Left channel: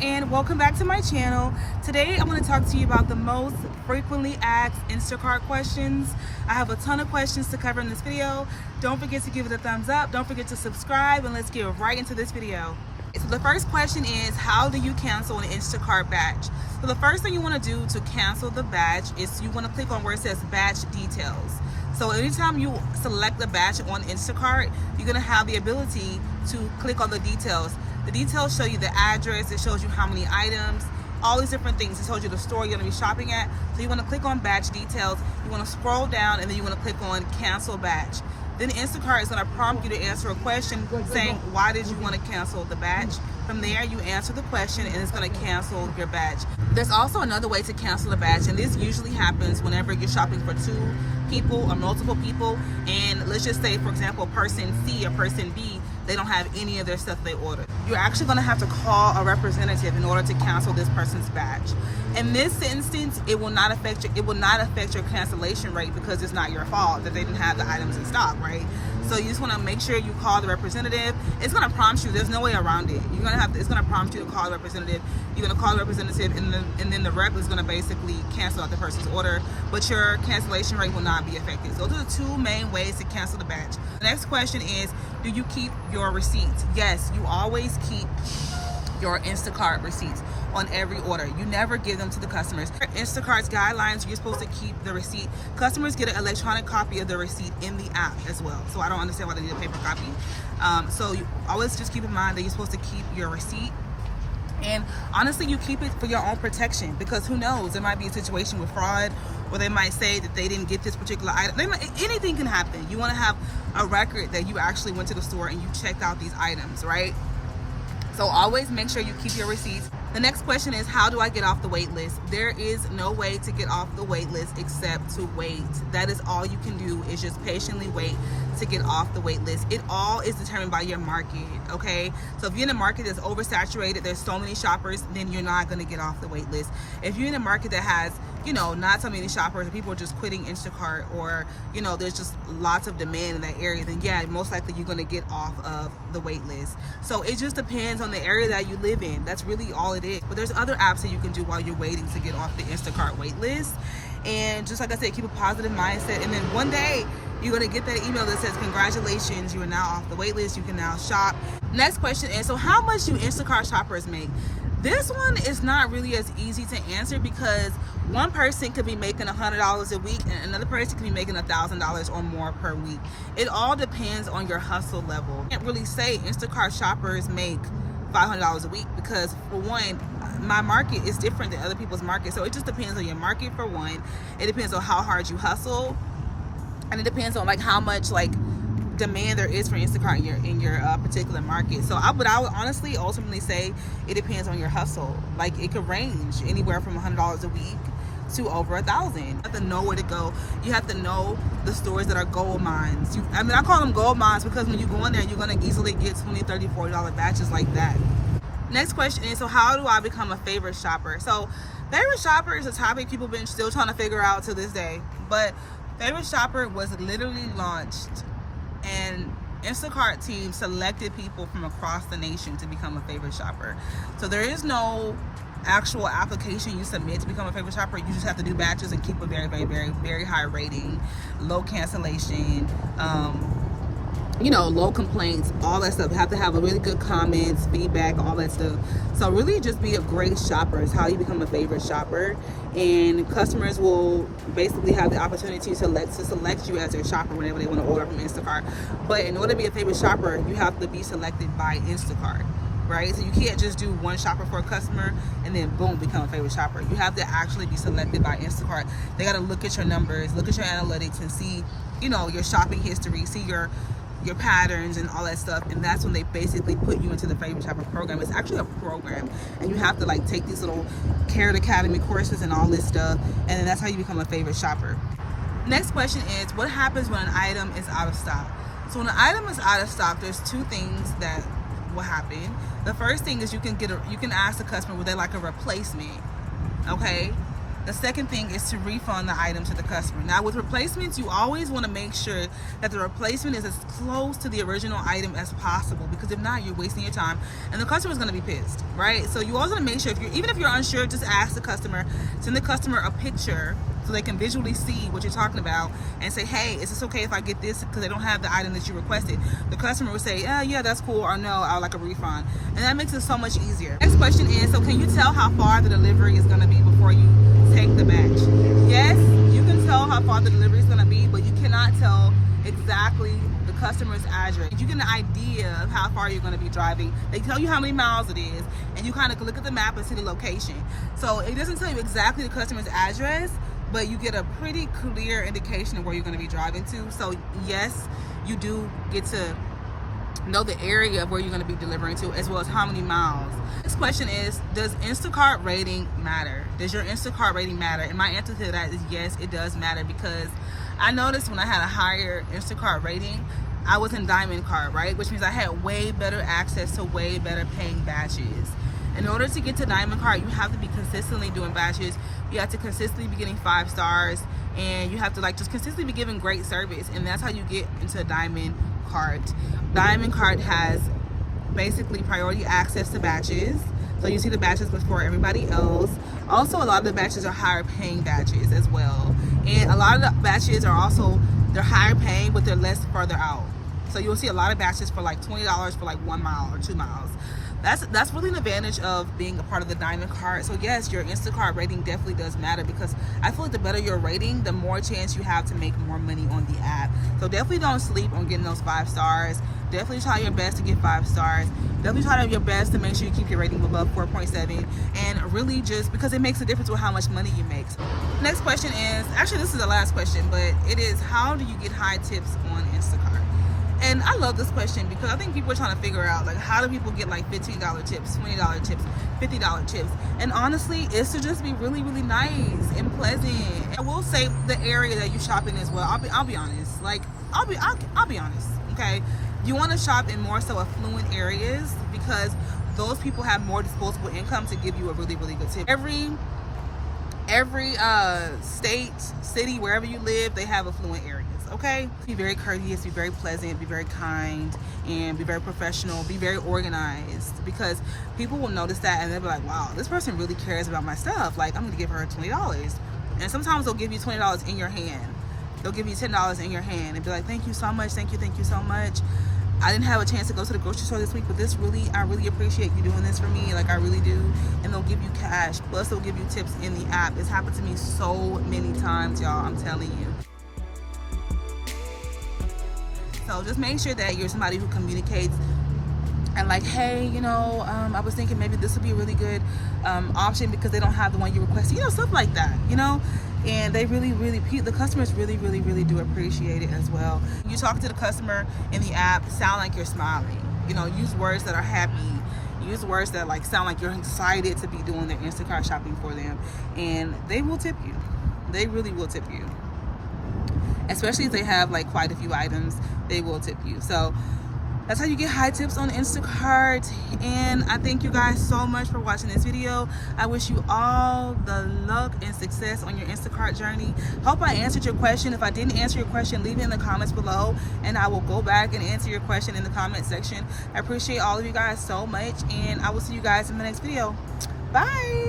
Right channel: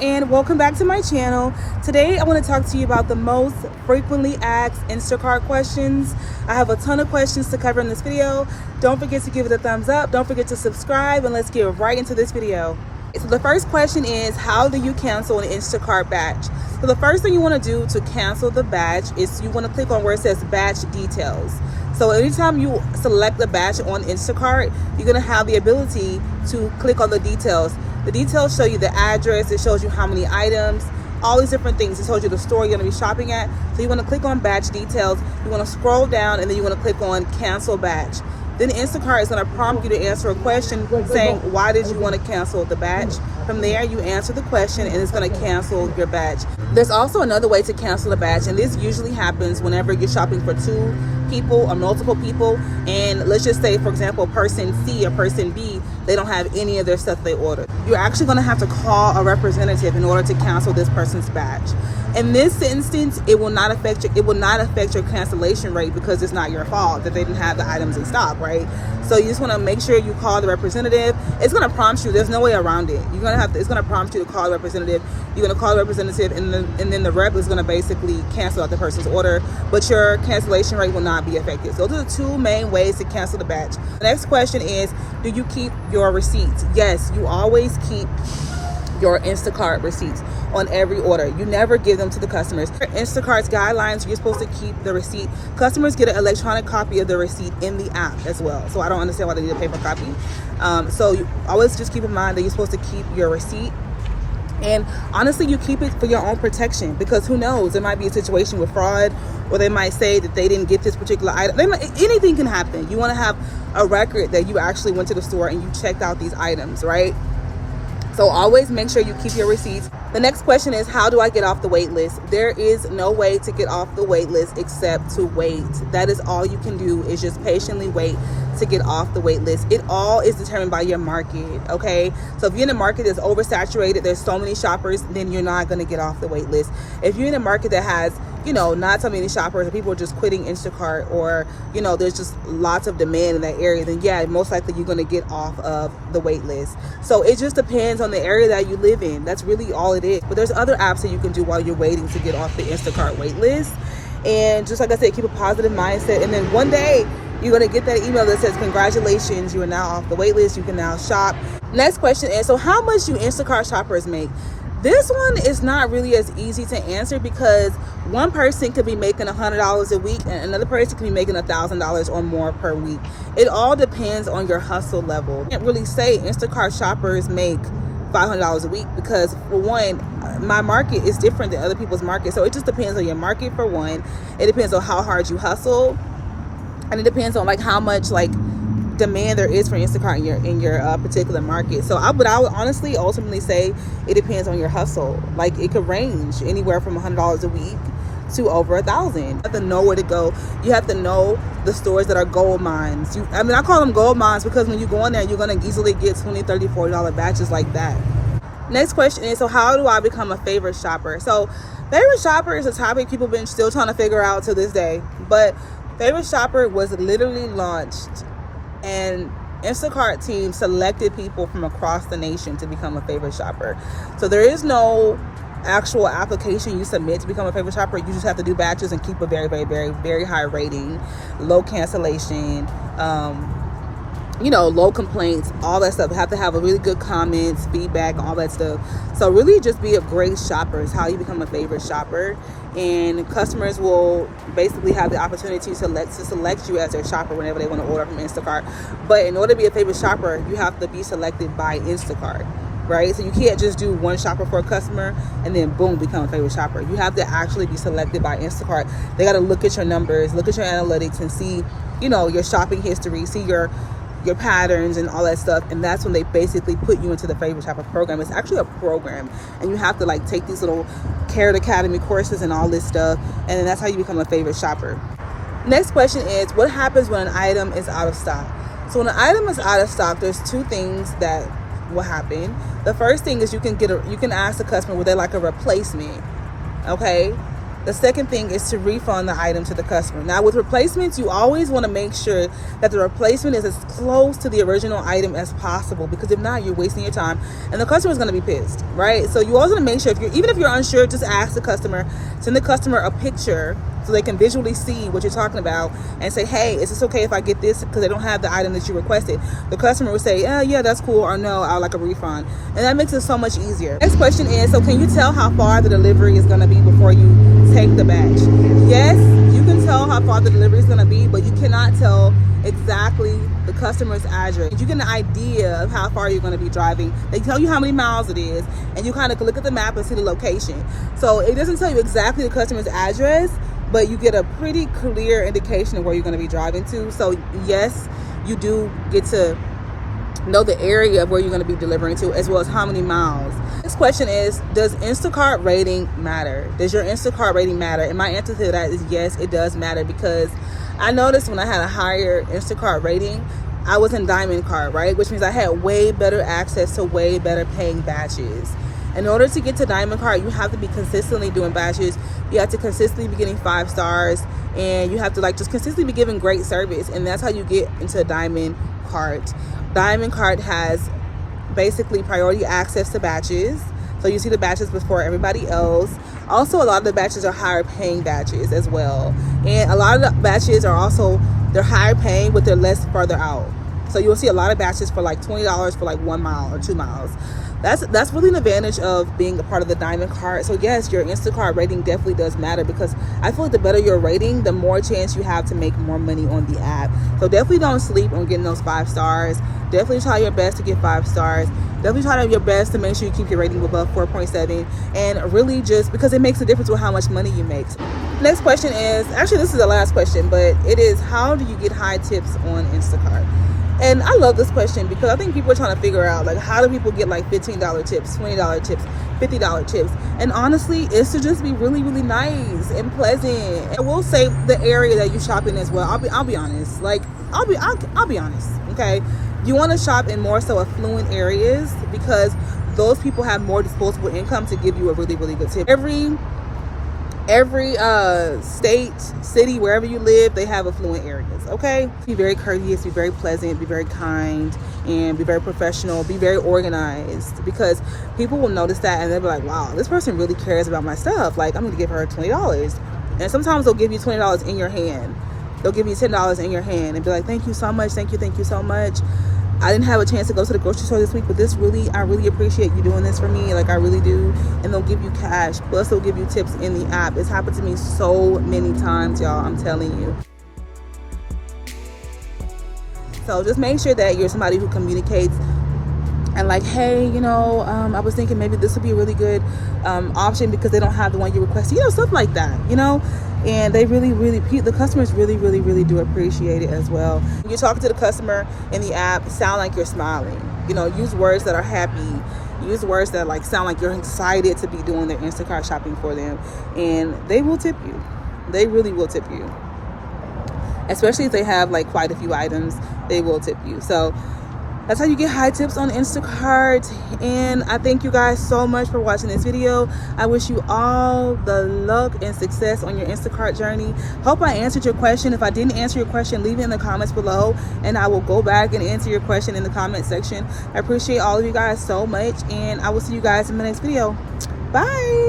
and welcome back to my channel. Today I want to talk to you about the most frequently asked Instacart questions. I have a ton of questions to cover in this video. Don't forget to give it a thumbs up. Don't forget to subscribe, and let's get right into this video. So the first question is, how do you cancel an Instacart batch? So the first thing you want to do to cancel the batch is you want to click on where it says batch details. So anytime you select the batch on Instacart, you're going to have the ability to click on the details. The details show you the address, it shows you how many items, all these different things. It shows you the store you're going to be shopping at. So you want to click on batch details, you want to scroll down, and then you want to click on cancel batch. Then Instacart is going to prompt you to answer a question saying, why did you want to cancel the batch? From there, you answer the question and it's going to cancel your batch. There's also another way to cancel a batch, and this usually happens whenever you're shopping for two people or multiple people, and let's just say, for example, person C or person B, they don't have any of their stuff they ordered. You're actually going to have to call a representative in order to cancel this person's batch. In this instance, it will not affect your cancellation rate because it's not your fault that they didn't have the items in stock, right? So you just want to make sure you call the representative. It's going to prompt you. There's no way around it. It's going to prompt you to call the representative. You're going to call the representative, and then the rep is going to basically cancel out the person's order, but your cancellation rate will not be affected. So those are the two main ways to cancel the batch. The next question is, do you keep your receipts? Yes, you always keep your Instacart receipts on every order. You never give them to the customers. Instacart's guidelines, you're supposed to keep the receipt. Customers get an electronic copy of the receipt in the app as well. So I don't understand why they need a paper copy. So you always just keep in mind that you're supposed to keep your receipt. And honestly, you keep it for your own protection, because who knows, there might be a situation with fraud, or they might say that they didn't get this particular item. Anything can happen. You want to have a record that you actually went to the store and you checked out these items, right? So always make sure you keep your receipts. The next question is, how do I get off the wait list? There is no way to get off the wait list except to wait. That is all you can do, is just patiently wait to get off the wait list. It all is determined by your market, okay? So if you're in a market that's oversaturated, there's so many shoppers, then you're not gonna get off the wait list. If you're in a market that has, not so many shoppers, and people are just quitting Instacart, or, there's just lots of demand in that area, then yeah, most likely you're gonna get off of the wait list. So it just depends on the area that you live in. That's really all it is. But there's other apps that you can do while you're waiting to get off the Instacart wait list. And just like I said, keep a positive mindset, and then one day you're going to get that email that says, congratulations, you are now off the wait list, you can now shop. Next question is, so how much do Instacart shoppers make? This one is not really as easy to answer, because one person could be making $100 a week and another person could be making $1,000 or more per week. It all depends on your hustle level. I can't really say Instacart shoppers make $500 a week, because for one, my market is different than other people's market. So it just depends on your market for one. It depends on how hard you hustle, and it depends on how much demand there is for Instacart in your particular market. So I would honestly ultimately say it depends on your hustle. It could range anywhere from $100 a week to over $1,000. You have to know where to go. You have to know the stores that are gold mines. I call them gold mines because when you go in there, you're going to easily get $20, $30, $40 batches like that. Next question is, so how do I become a favorite shopper? So favorite shopper is a topic people have been still trying to figure out to this day. But favorite shopper was literally launched, and Instacart team selected people from across the nation to become a favorite shopper. So there is no actual application you submit to become a favorite shopper. You just have to do batches and keep a very, very, very, very high rating, low cancellation, low complaints, all that stuff. You have to have a really good comments, feedback, all that stuff. So really just be a great shopper is how you become a favorite shopper. And customers will basically have the opportunity to select you as their shopper whenever they want to order from Instacart. But in order to be a favorite shopper, you have to be selected by Instacart, right? So you can't just do one shopper for a customer and then boom, become a favorite shopper. You have to actually be selected by Instacart. They got to look at your numbers, look at your analytics, and see, your shopping history, see your patterns and all that stuff, and that's when they basically put you into the favorite shopper program. It's actually a program, and you have to take these little Carrot Academy courses and all this stuff, and then that's how you become a favorite shopper. Next question is, what happens when an item is out of stock? So when an item is out of stock, there's two things that will happen. The first thing is you can ask the customer, would they like a replacement? Okay. The second thing is to refund the item to the customer. Now with replacements, you always want to make sure that the replacement is as close to the original item as possible, because if not, you're wasting your time and the customer is going to be pissed, right? So you always want to make sure, even if you're unsure, just ask the customer, send the customer a picture so they can visually see what you're talking about, and say, hey, is this okay if I get this because they don't have the item that you requested? The customer will say, yeah, that's cool, or no, I'd like a refund. And that makes it so much easier. Next question is, so can you tell how far the delivery is going to be before you take the batch? Yes, you can tell how far the delivery is going to be, but you cannot tell exactly the customer's address. You get an idea of how far you're going to be driving. They tell you how many miles it is, and you kind of look at the map and see the location. So it doesn't tell you exactly the customer's address, but you get a pretty clear indication of where you're going to be driving to. So yes, you do get to know the area of where you're going to be delivering to, as well as how many miles. This question is, does Instacart rating matter? Does your Instacart rating matter? And my answer to that is yes, it does matter, because I noticed when I had a higher Instacart rating, I was in Diamond Cart, right? Which means I had way better access to way better paying batches. In order to get to Diamond Cart, you have to be consistently doing batches. You have to consistently be getting 5 stars, and you have to just consistently be giving great service, and that's how you get into Diamond Cart. Diamond Cart has basically priority access to batches, so you see the batches before everybody else. Also, a lot of the batches are higher paying batches as well, and a lot of the batches are also, they're higher paying, but they're less further out. So you'll see a lot of batches for like $20 for like 1 mile or 2 miles. That's really an advantage of being a part of the Diamond Cart. So yes, your Instacart rating definitely does matter, because I feel like the better your rating, the more chance you have to make more money on the app. So definitely don't sleep on getting those 5 stars. Definitely try your best to get 5 stars. Definitely try your best to make sure you keep your rating above 4.7, and really just because it makes a difference with how much money you make. Next question is, actually this is the last question, but it is, how do you get high tips on Instacart? And I love this question, because I think people are trying to figure out, how do people get like $15 tips, $20 tips, $50 tips? And honestly, it's to just be really, really nice and pleasant. I will say the area that you shop in as well. I'll be honest. I'll be honest. Okay, you want to shop in more so affluent areas, because those people have more disposable income to give you a really, really good tip. Every state, city, wherever you live, they have affluent areas, okay? Be very courteous, be very pleasant, be very kind, and be very professional, be very organized, because people will notice that and they'll be like, wow, this person really cares about my stuff. Like, I'm gonna give her $20. And sometimes they'll give you $20 in your hand. They'll give you $10 in your hand and be like, thank you so much, thank you so much. I didn't have a chance to go to the grocery store this week, but I really appreciate you doing this for me. Like, I really do. And they'll give you cash. Plus, they'll give you tips in the app. It's happened to me so many times, y'all. I'm telling you. So just make sure that you're somebody who communicates and like, hey, I was thinking maybe this would be a really good option because they don't have the one you requested. Stuff like that, And they really, the customers really do appreciate it as well. When you're talking to the customer in the app, sound like you're smiling. Use words that are happy. Use words that sound like you're excited to be doing their Instacart shopping for them. And they will tip you. They really will tip you. Especially if they have quite a few items, they will tip you. So that's how you get high tips on Instacart. And I thank you guys so much for watching this video. I wish you all the luck and success on your Instacart journey. Hope I answered your question. If I didn't answer your question, leave it in the comments below, and I will go back and answer your question in the comment section. I appreciate all of you guys so much, and I will see you guys in my next video. Bye.